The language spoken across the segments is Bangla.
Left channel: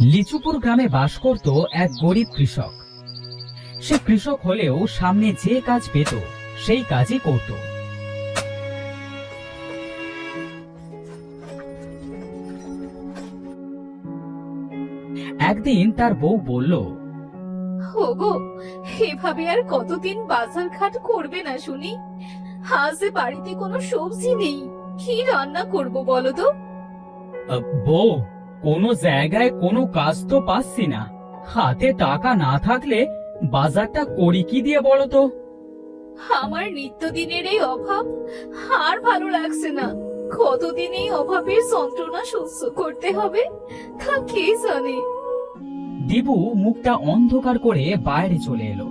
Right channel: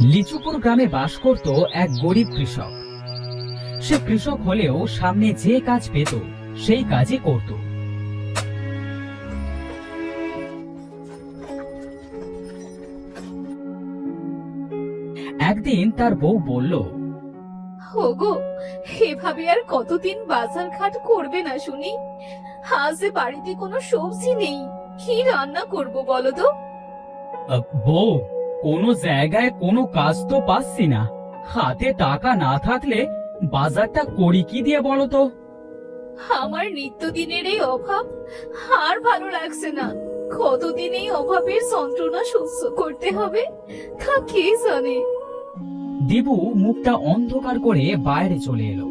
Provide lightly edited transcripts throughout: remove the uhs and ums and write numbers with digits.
লিচুপুর গ্রামে বাস করত এক গরিব কৃষক। সে কৃষক হলেও সামনে যে কাজ পেত সেই কাজই করত। একদিন তার বউ বলল, ওগো, এভাবে আর কতদিন বাজার ঘাট করবে না শুনি? আজ এ বাড়িতে কোনো সবজি নেই, কি রান্না করব বলো তো? বউ, কোনো জায়গায় কোনো কাজ তো পাচ্ছি না। হাতে টাকা না থাকলে বাজারটা করি কি দিয়ে বলো তো? আমার নিত্যদিনের এই অভাব আর ভালো লাগছে না। কতদিন এই অভাবের যন্ত্রণা সহ্য করতে হবে তা কে জানে। দেবু মুখটা অন্ধকার করে বাইরে চলে এলো।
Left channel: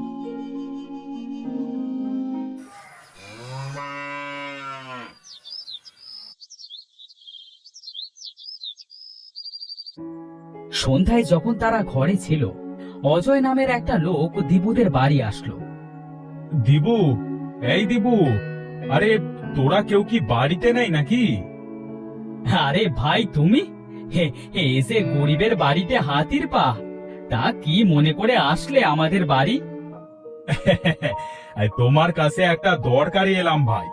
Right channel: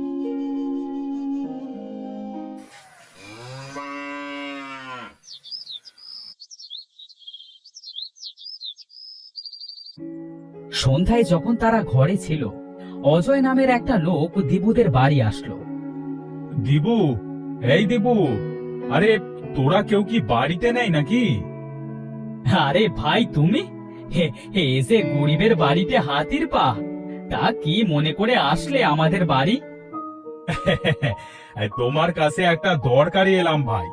সন্ধ্যায় যখন তারা ঘরে ছিল, অজয় নামের একটা লোক দীপুদের বাড়ি আসলো। দিবু, এই দিবু, আরে তোরা কেউ কি বাড়িতে নেই নাকি? আরে ভাই, তুমি এসে গরিবের বাড়িতে হাতির পা। তা কি মনে করে আসলে আমাদের বাড়ি? তোমার কাছে একটা দরকারে এলাম ভাই।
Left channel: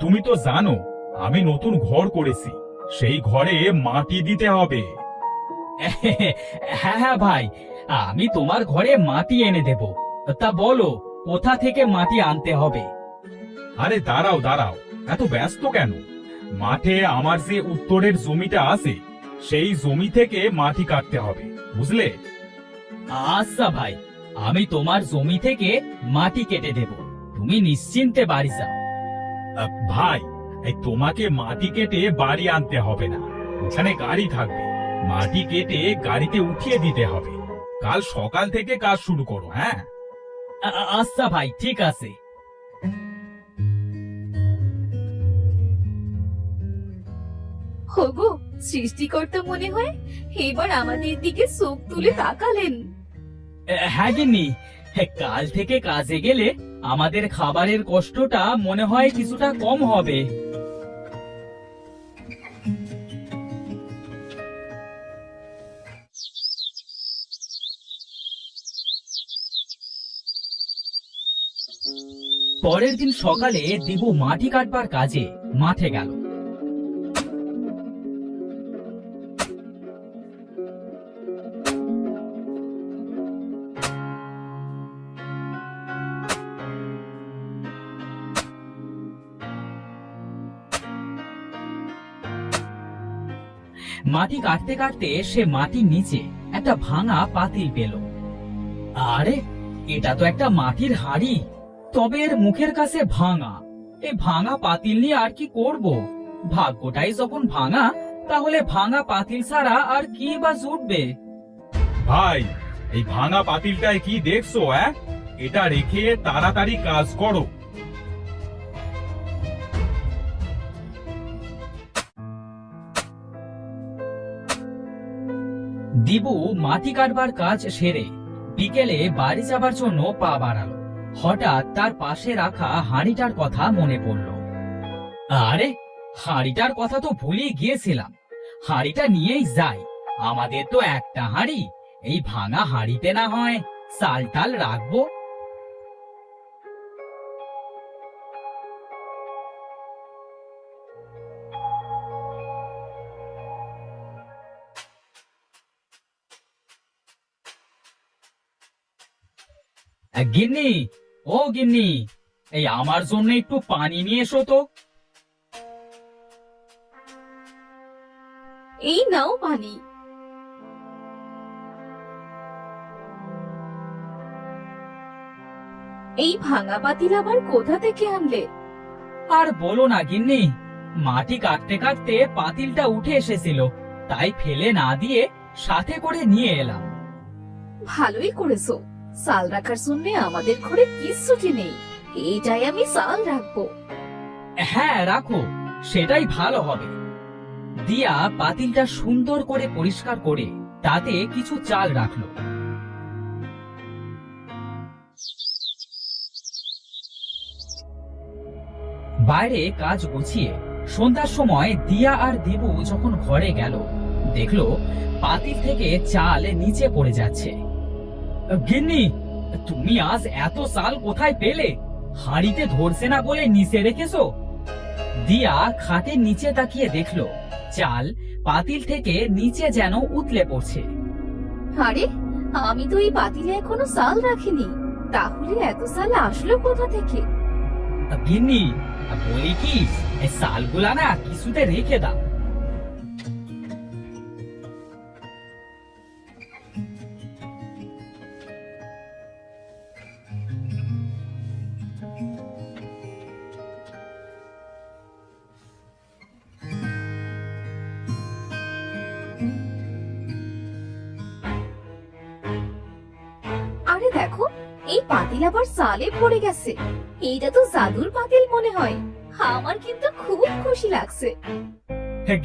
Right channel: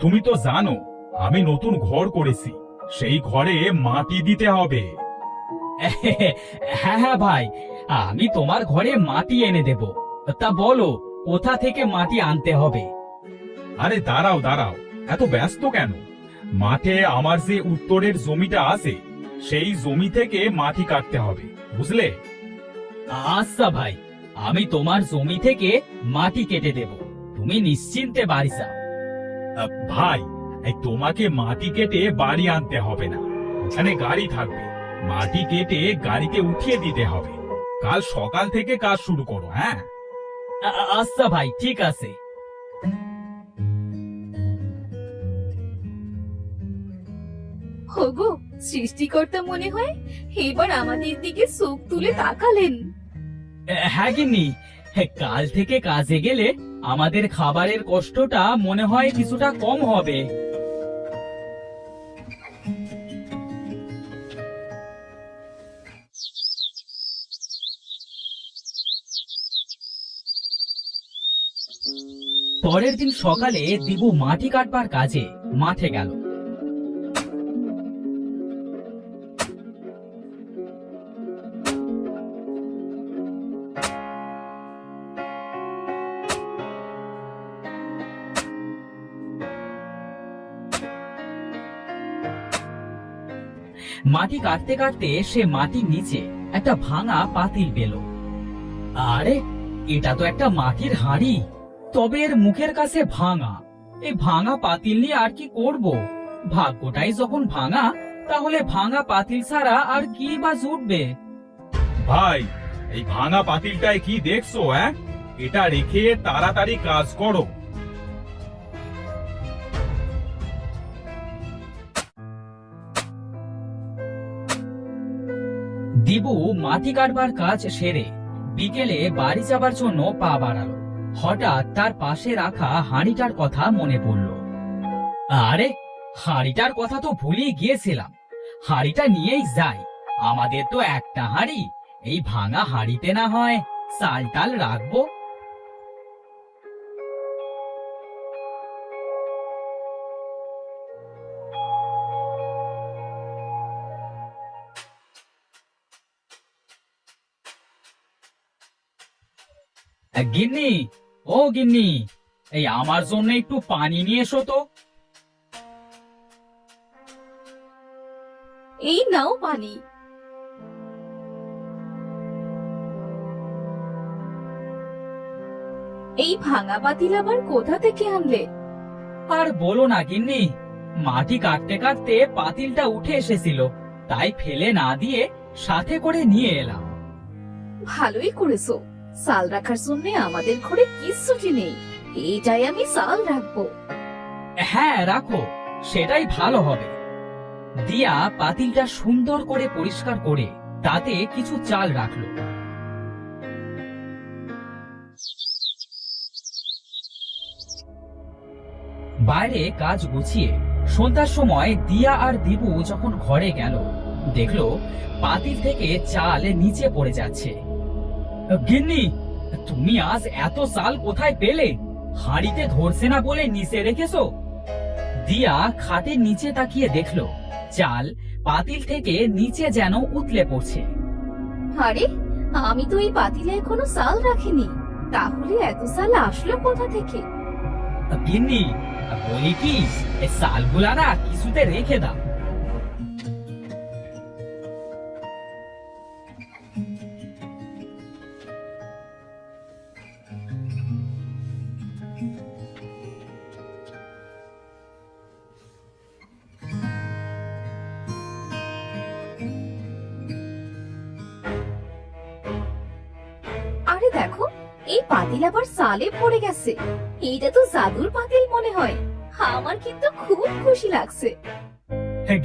তুমি তো জানো আমি নতুন ঘর করেছি, সেই ঘরে মাটি দিতে হবে। হ্যাঁ হ্যাঁ ভাই, আমি তোমার ঘরে মাটি এনে দেব। তা বলো, কোথা থেকে মাটি আনতে হবে? আরে দাঁড়াও দাঁড়াও, এত ব্যস্ত কেন? মাঠে আমার যে উত্তরের জমিটা আছে সেই জমি থেকে মাটি কাটতে হবে, বুঝলে? আচ্ছা ভাই, আমি তোমার জমি থেকে মাটি কেটে দেব, তুমি নিশ্চিন্তে বাড়ি যাও। ভাই, তোমাকে মাটি কেটে বাড়ি আনতে হবে না, ওখানে গাড়ি থাকবে, মাটি কেটে গাড়িতে উঠিয়ে দিতে হবে। কাল সকাল থেকে কাজ শুরু করো। হ্যাঁ, আচ্ছা ভাই, ঠিক আছে। ওগো, সৃষ্টিকর্তা মনে হয় এবার আমাদের দিকে চোখ তুলে তাকালেন। হ্যাঁ গিন্নি, কাল থেকে কাজে গেলে আমাদের খাবারের কষ্টটা মনে হয় কিছুটা কম হবে। পরের দিন সকালে দিবু মাটি কাটবার কাজে মাঠে গেল। মাটি কাটতে কাটতে সে মাটির নিচে একটা ভাঙা পাতিল পেল। আরে, এটা তো একটা মাটির হাঁড়ি, তবে এর মুখের কাছে ভাঙা। এই ভাঙা পাতিল নিয়ে আর কি করব? ভাগ্যটাই যখন ভাঙা, তাহলে ভাঙা পাতিল ছাড়া আর কি বা জুটবে? ভাই, এই ভাঙা পাতিলটায় কি দেখছো? এটা রেখে তাড়াতাড়ি কাজ করো। দিবু মাটি কাটবার কাজ সেরে বিকেলে বাড়ি যাবার জন্য পা বাড়ালো। হঠাৎ তার পাশে রাখা হাঁড়িটার কথা মনে পড়ল। আরে, হাঁড়িটার কথা তো ভুলে গিয়েছিলাম। হাঁড়িটা নিয়েই যাই, আমাদের তো একটা হাঁড়ি। এই ভাঙা হাঁড়িতে না হয় চাল টাল রাখবো। গিন্নি, ও গিন্নি, এই আমার জন্য একটু পানি নিয়ে এসো তো। এই নাও পানি। এই ভাঙা পাতিল আবার কোথা থেকে আনলে? আর বলো না গিন্নি, মাটি কাটতে কাটতে পাতিলটা উঠে এসেছিল, তাই ফেলে না দিয়ে সাথে করে নিয়ে এলাম। ভালোই করেছো, চাল রাখার জন্য আমাদের ঘরে কিচ্ছুটি নেই, এইটাই আমি চাল রাখবো। হ্যাঁ রাখো, সেটাই ভালো হবে। দিয়া পাতিলটা সুন্দর করে পরিষ্কার করে তাতে কিছু চাল রাখলো। বাইরে কাজ গুছিয়ে সন্ধ্যার সময় দিয়া আর দিবু যখন ঘরে গেল, দেখলো পাতিল থেকে চাল নিচে পড়ে যাচ্ছে। গিন্নি, তুমি আজ এত চাল কোথায় পেলে? হাঁড়িতে ধরছে না বলে নিচে রেখেছো? দিয়া খাটের নিচে তাকিয়ে দেখলো চাল পাতিল থেকে নিচে যেন উতলে পড়ছে। আরে, আমি তো এই পাতিলে এখনো চাল রাখিনি, তাহলে এত চাল আসলো কোথা থেকে? গিন্নি, বলি কি, এই চালগুলা না কিছুতে রেখে দাও। আরে দেখো, এই পাতিল আবার চালে পড়ে গেছে। এইটা তো জাদুর পাতিল মনে হয়। আমার কিন্তু খুব খুশি লাগছে।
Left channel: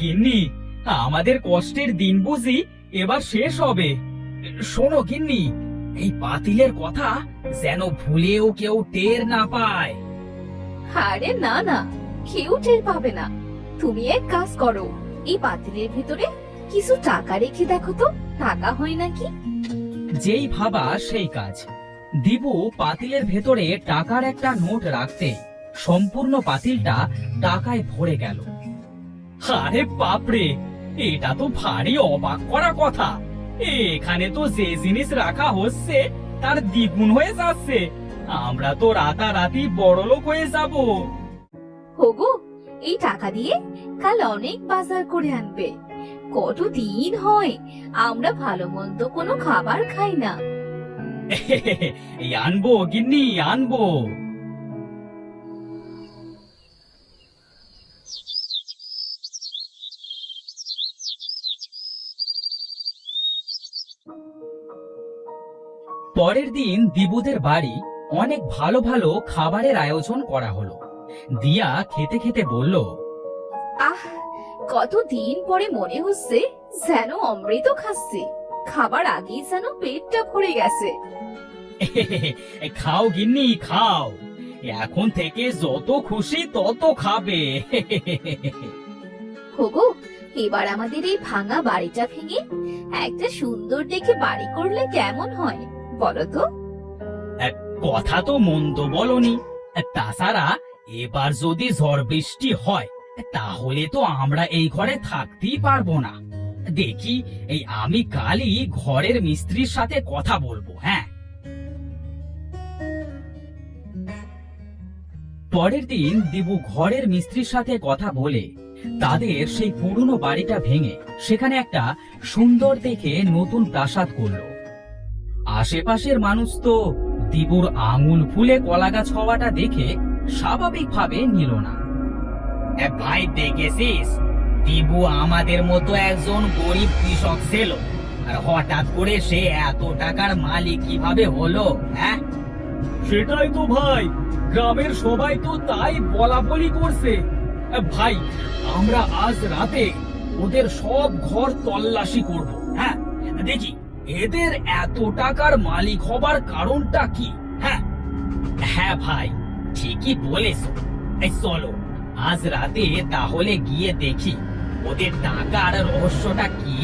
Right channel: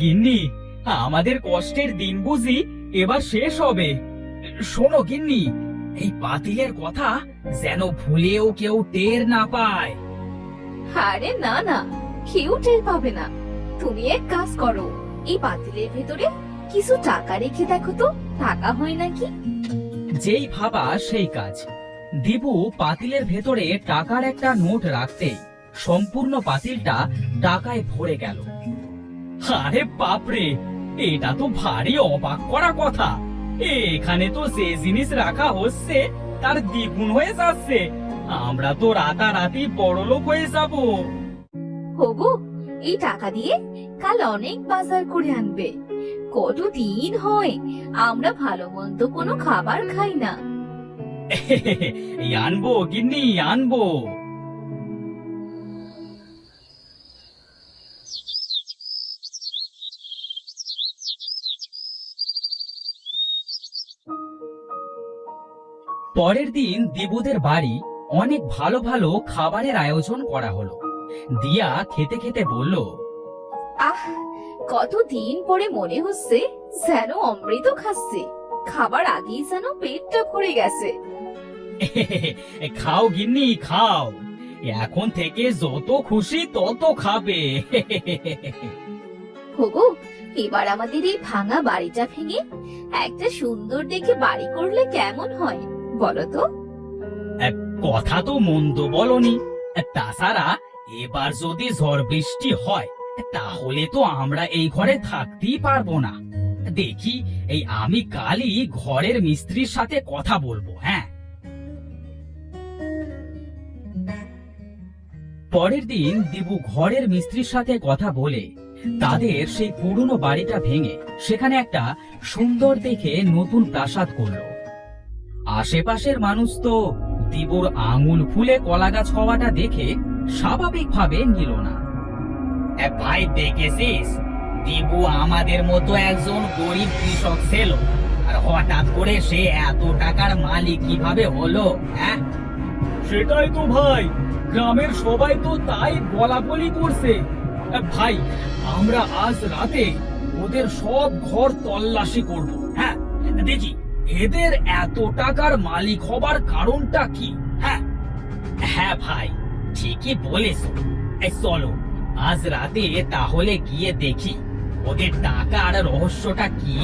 গিন্নি, আমাদের কষ্টের দিন বুঝি এবার শেষ হবে। শোনো গিন্নি, এই পাতিলের কথা যেন ভুলেও কেউ টের না পায়। আরে না না, কেউ টের পাবে না। তুমি এক কাজ করো, এই পাতিলের ভেতরে কিছু টাকা রেখে দেখো তো, টাকা হয় নাকি। যেই ভাবা সেই কাজ। দিবু পাতিলের ভেতরে টাকার একটা নোট রাখতেই সম্পূর্ণ পাতিলটা টাকায় ভরে গেল। আরে বাপরে, এটা তো ভারী অবাক করা কথা। এখানে তো যে জিনিস রাখা হচ্ছে তার দ্বিগুণ হয়ে যাচ্ছে। আমরা তো রাতারাতি বড়লোক হয়ে যাব। ওগো, এই টাকা দিয়ে কাল অনেক বাজার করে আনবে। কতদিন হয় আমরা ভালো মন্দ কোনো খাবার খাই না। এই আনবো গিন্নি, আনবো। পরের দিন দিবুদের বাড়ি অনেক ভালো ভালো খাবারের আয়োজন করা হলো। দিয়া খেতে খেতে বলল, আহ, কতদিন পরে মনে হচ্ছে যেন অমৃত খাচ্ছে। খাবার আগেই যেন পেটটা ভরে গেছে। খাও গিন্নি, খাও। এখন থেকে যত খুশি তত খাবে। ওগো, এবার আমাদের এই ভাঙা বাড়িটা ভেঙে একটা সুন্দর দেখে বাড়ি করলে কেমন হয় বলো তো? কথা তো মন্দ বলনি। তাছাড়া এবার যদি ঝড় বৃষ্টি হয় তাহলে তো আমরা এই ঘরে থাকতেই পারবো না। দেখি, এই আমি কালই ঘরের মিস্ত্রির সাথে কথা বলবো। হ্যাঁ। পরের দিন দিবু ঘরের মিস্ত্রির সাথে কথা বলে তাদের সেই পুরনো বাড়িটা ভেঙে সেখানে একটা সুন্দর দেখে নতুন প্রাসাদ করলো। আশেপাশের মানুষ তো দিবুর আঙুল ফুলে কলা গাছ হওয়াটা দেখে স্বাভাবিকভাবে নিল না। ভাই, দেখেছিস, দিবু আমাদের মতো একজন গরিব কৃষক ছিল, আর হঠাৎ করে সে এত টাকার মালিক কিভাবে হলো? হ্যাঁ, সেটাই তো ভাই, গ্রামের সবাই তো তাই বলাবলি করছে। ভাই, আমরা আজ রাতে ওদের সব ঘর তল্লাশি করব। হ্যাঁ, দেখি এদের এত টাকার মালিক হবার কারণটা কি। হ্যাঁ হ্যাঁ ভাই, ঠিকই বলেছ। চলো আজ রাতে তাহলে গিয়ে দেখি ওদের টাকার রহস্যটা কি।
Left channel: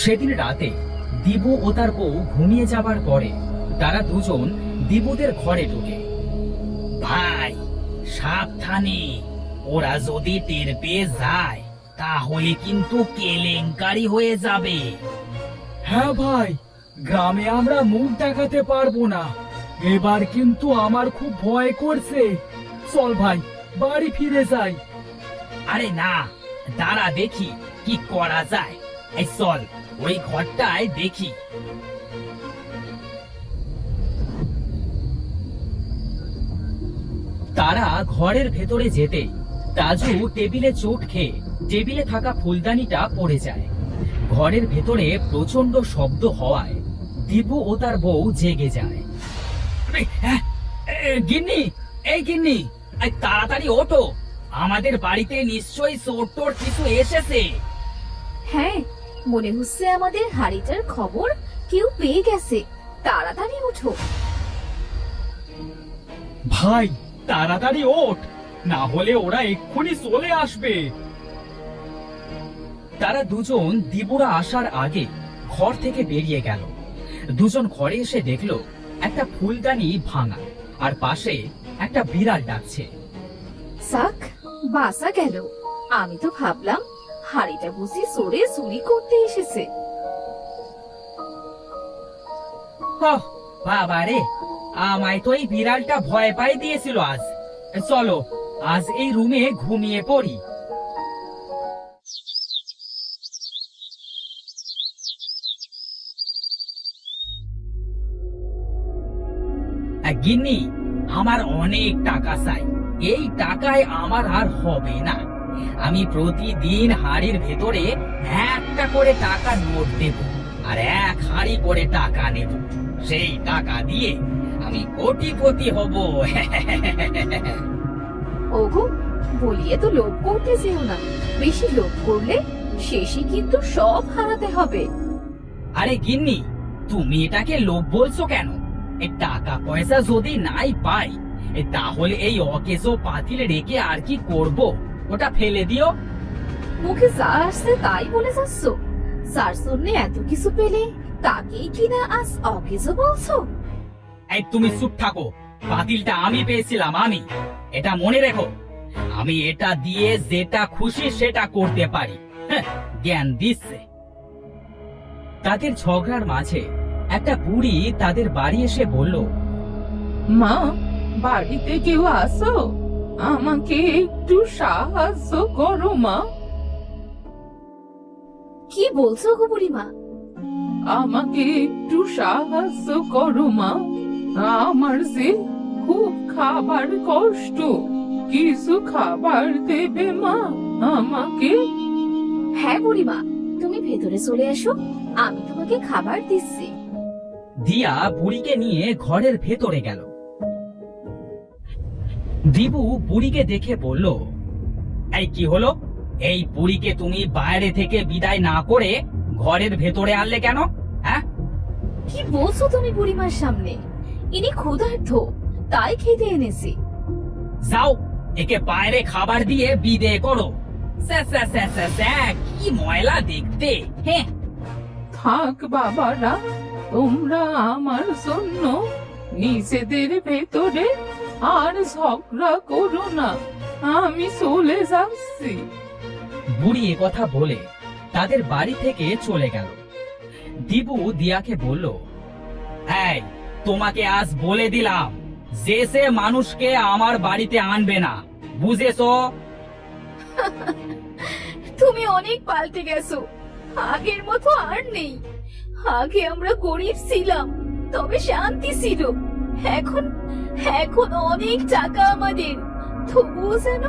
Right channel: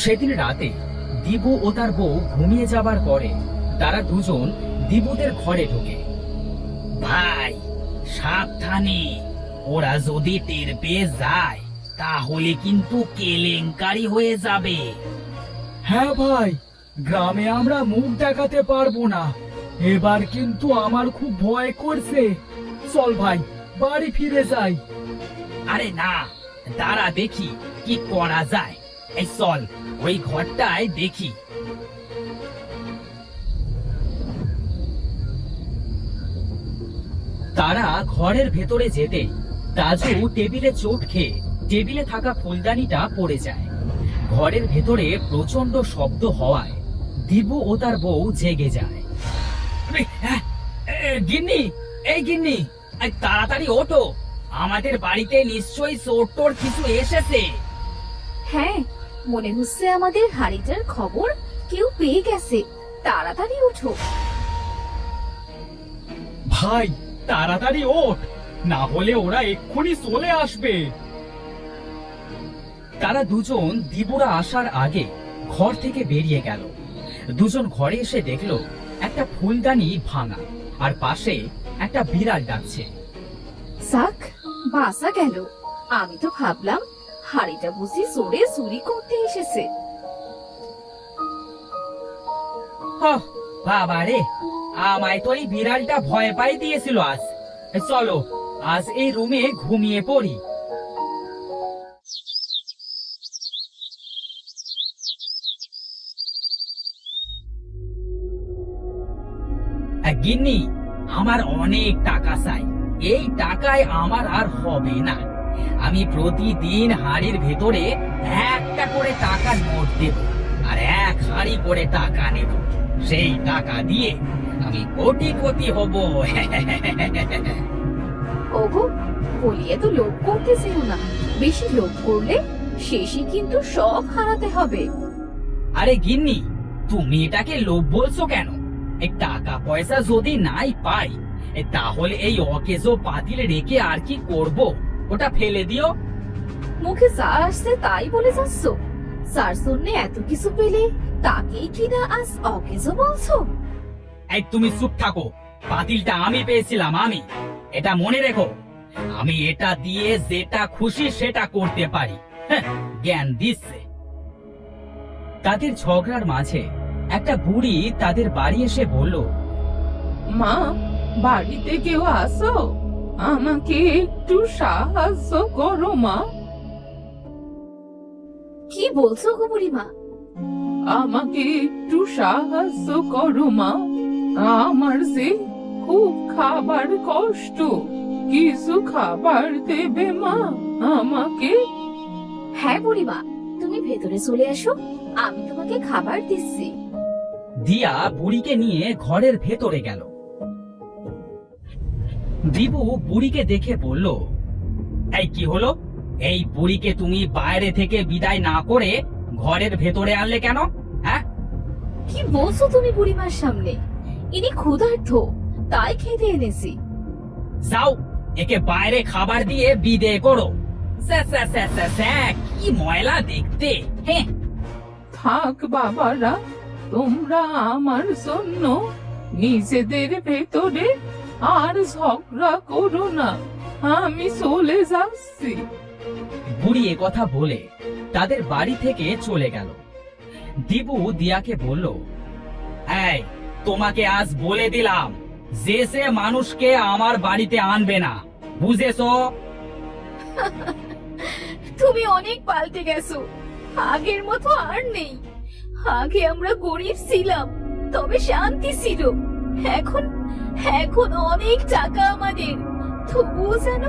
সেদিন রাতে দিবু ও তার বউ ঘুমিয়ে যাবার পরে তারা দুজন দিবুদের ঘরে ঢোকে। ভাই, সাবধানে, ওরা যদি টের পেয়ে যায় তাহলে কিন্তু কেলেঙ্কারি হয়ে যাবে। হ্যাঁ ভাই, গ্রামে আমরা মুখ দেখাতে পারবো না। এবার কিন্তু আমার খুব ভয় করছে। চল ভাই, বাড়ি ফিরে যাই। আরে না, দাঁড়া দেখি কি করা যায়। এই চল, ওই ঘরটায় দেখি। তারা ঘরের ভেতরে যেতে তাজু টেবিলে চোট খেয়ে টেবিলে থাকা ফুলদানিটা পড়ে যায়। ঘরের ভেতরে প্রচন্ড শব্দ হওয়ায় দিবু ও তার বউ জেগে যায়। গিন্নি, এই গিন্নি, তাড়াতাড়ি ওঠো, আমাদের বাড়িতে নিশ্চয়ই চোর টোর কিছু এসেছে। হ্যাঁ, মনে হচ্ছে আমাদের হাড়িটার খবর কেউ পেয়ে গেছে। তাড়াতাড়ি উঠো। ভাই, তাড়াতাড়ি ওঠ, না হলে ওরা এক্ষুনি চলে আসবে। তারা দুজন দিবুরা আসার আগে ঘর থেকে বেরিয়ে গেল। দুজন ঘরে এসে দেখলো একটা ফুলদানি ভাঙা, আর পাশে একটা বিড়াল ডাকছে। সাক, বাসা গেল। আমি তো ভাবলাম হাড়িটা বুঝি সরে চুরি করতে এসেছে। বাবা রে, আমায় তো এই বিড়ালটা ভয় পাই দিয়েছিল। আজ চলো, আজ এই রুমে ঘুমিয়ে পড়ি। গিন্নি, আমার অনেক টাকা চাই। এই টাকায় আমার আর হবে না। আমি প্রতিদিন হাড়ির ভেতরে একটা করে টাকা নোট দেব, আর এক হাড়ি করে টাকা নেব। সেই টাকা দিয়ে আমি কোটিপতি হব। ওগো, বলিয়ে তো লোভ করতে যেও না। বেশি লোভ করলে শেষে কিন্তু সব হারাতে হবে। আরে গিন্নি, তুমি এটাকে লোভ বলছো কেন? এই টাকা পয়সা যদি নাই পাই, তাহলে এই অকেজো পাতিল রেখে আর কি করব? ওটা ফেলে দিও। মুখে যা আসছে তাই বলে যাচ্ছ। যার জন্য এত কিছু পেলে তাকেই কিনা আজ অকেজো বলছো? এই তুমি চুপ থাকো। পাতিলটা আমি পেয়েছিলাম, আমি। এটা মনে রেখো, আমি এটা দিয়ে যেটা খুশি সেটা করতে পারি। হ্যাঁ, জ্ঞান দিচ্ছে। তাদের ঝগড়ার মাঝে একটা বুড়ি তাদের বাড়ি এসে বলল, মা, বাড়িতে কেউ আসো? আমাকে একটু সাহায্য করো মা। কি বলছো গো বুড়িমা? আমাকে একটু সাহায্য করো মা। আমার যে খুব খাবার কষ্ট, কিছু খাবার দেবে মা আমাকে? হ্যাঁ বুড়িমা, তুমি ভেতরে চলে এসো, আমি তোমাকে খাবার দিচ্ছি। দিয়া বুড়িকে নিয়ে ঘরের ভেতরে গেল। দিবু বুড়িকে দেখে বলল, এই কি হলো? এই বুড়িকে তুমি বাইরে থেকে বিদায় না করে ঘরের ভেতরে আনলে কেন? হ্যাঁ, কি বলছো তুমি বুড়িমার সামনে? ইনি ক্ষুধার্ত, তাই খেতে এনেছি। যাও, একে বাইরে খাবার দিয়ে বিদে করো। স্যা, স্যা, স্যা, স্যা, স্যা, কি ময়লা দেখতে। হ্যাঁ, থাক বাবারা, তোমরা আমার জন্য নিজেদের ভেতরে আর ঝগড়া করো না। আমি চলে যাচ্ছি। বুড়ি এ কথা বলে তাদের বাড়ি থেকে চলে গেল। দিবু দিয়াকে বলল, এই, তোমাকে আজ বলে দিলাম যে সে মানুষকে আমার বাড়িতে আনবে না, বুঝেছো? তুমি অনেক পাল্টে গেছো, আগের মতো আর নেই। আগে আমরা গরিব ছিলাম, তবে শান্তি ছিল। এখন এখন অনেক টাকা আমাদের, তবুও যেন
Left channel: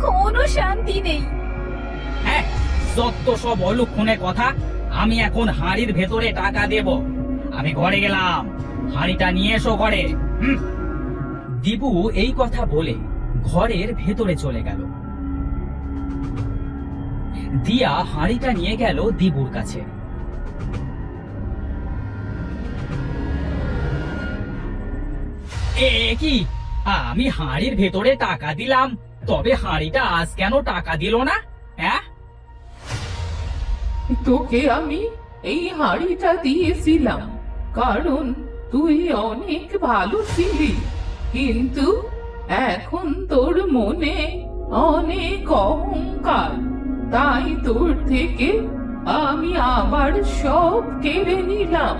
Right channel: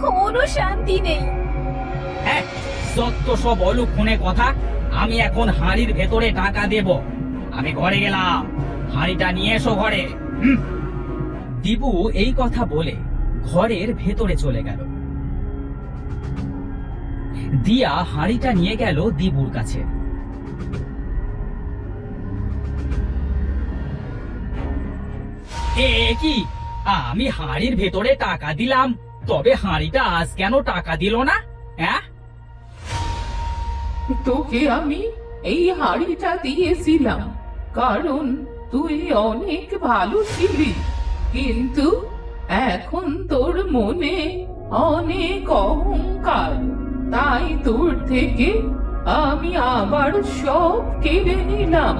কোনো শান্তি নেই। হ্যাঁ, যত সব অলুক্ষণে কথা। আমি এখন হাড়ির ভেতরে টাকা দেব। আমি ঘরে গেলাম, হাড়িটা নিয়ে এসো ঘরে। দিবু এই কথা বলে ঘরের ভেতরে চলে গেল। দিয়া হাড়িটা নিয়ে গেল দিবুর কাছে। এ কি, আমি হাড়ির ভেতরে টাকা দিলাম, তবে হাড়িটা আজ কেন টাকা দিল না? হ্যাঁ, তোকে আমি এই হাড়িটা দিয়েছিলাম কারণ তুই অনেক ভালো ছিলি, কিন্তু এখন তোর মনে অনেক অহংকার, তাই তোর থেকে আমি আবার সব কেড়ে নিলাম।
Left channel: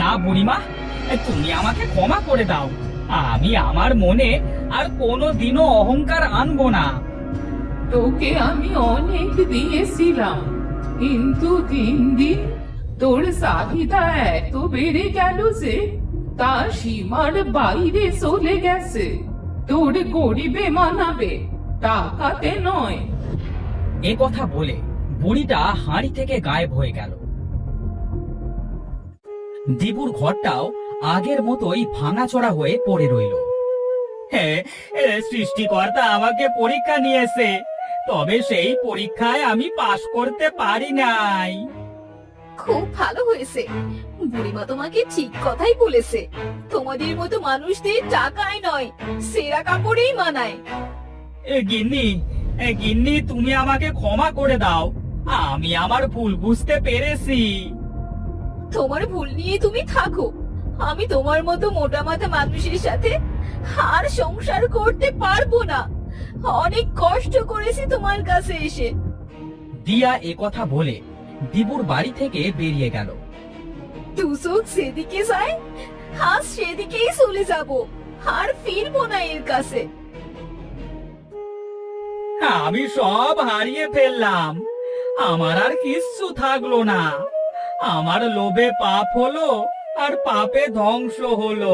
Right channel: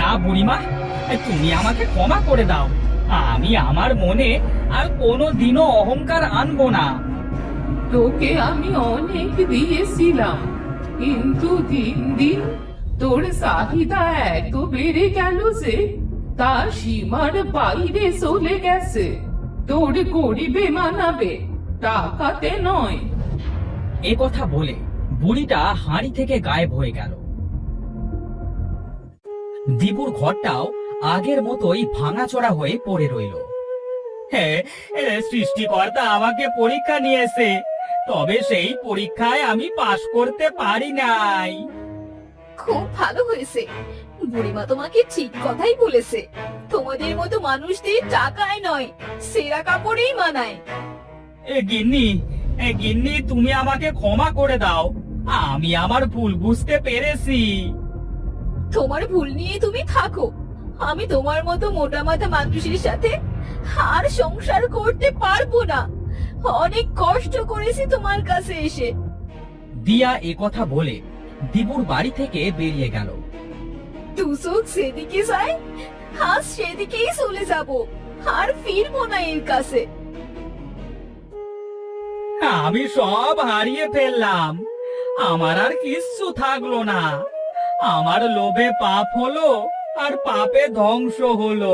না বুড়িমা, তুমি আমাকে ক্ষমা করে দাও। আমি আমার মনে আর কোনোদিনও অহংকার আনবো না। তোকে আমি অনেক দিয়েছিলাম, কিন্তু দিন দিন তোর চাহিদা এত বেড়ে গেল যে তা সীমার বাইরে চলে গেছে। তোর গরিবে মানাবে, টাকাতে নয়। এ কথা বলে বুড়িটা হাঁড়ি থেকে গায়েব হয়ে গেল। দিবুর ঘরটাও আগের মতোই ভাঙাচোরা হয়ে পড়ে রইল। সৃষ্টিকর্তা আমাকে পরীক্ষা নিয়েছে, তবে সেই পরীক্ষায় আমি পাশ করতে পারি নাই। খুব ভালো হয়েছে, বুড়িমা তোমাকে ঠিক কথাই বলেছে। তোমাদের মতো মানুষদের টাকায় নয়, সেরা কাপড়েই মানায়। গিন্নি তুমি আমাকে ক্ষমা করে দাও, আমি আমার ভুল বুঝতে পেরেছি। তোমার ভুল নিয়ে তুমি থাকো, আমি তোমার মতো মোটা মাথা মানুষের সাথে আর সংসার করতে পারবো না। অনেক কষ্ট করেছি তোমার কাছে এসে। দিয়া কথা বলে দিবুর বাড়ি থেকে বেরিয়ে গেল। দু চোখ সেদিকে যায়, আজ সেদিকেই চলে যাব, আর ফিরবো না এর কাছে। আমি সব হারিয়ে ফেললাম, আমার আর কিচ্ছু থাকলো না। আমার লোভে পাপ হলো, আর পাপে ধ্বংস হলো।